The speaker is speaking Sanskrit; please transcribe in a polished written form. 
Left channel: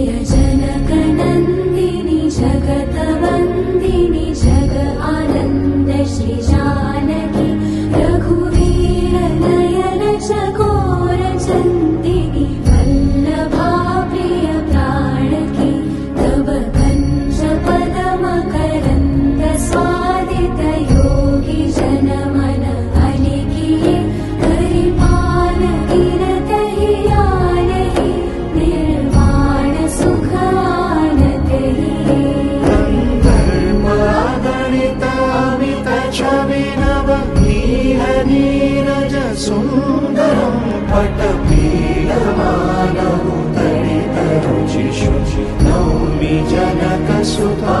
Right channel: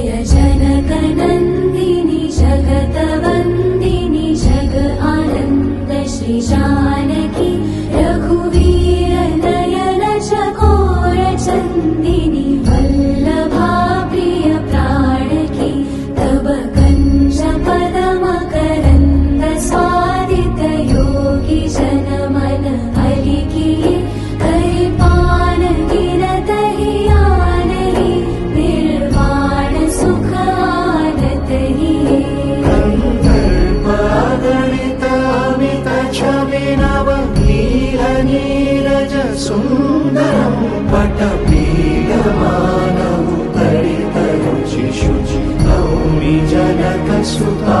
जय जनकनन्दिनि जगतवन्दिनि जग आनन्द श्री जानकी रघुवीर नयन चकोर चन्दिनि वल्लभा प्रिय प्राणकी तव कञ्ज पदम करन्द स्वादित योगी जनमन अलिकिये करिपान गिरत हियानहि निर्वाण सुख आनतहिये गणित अमित छवि नव नील नीरज सुन्दरं पटपीठमानौ दलित रुचि शुचि नौमि जनक सुता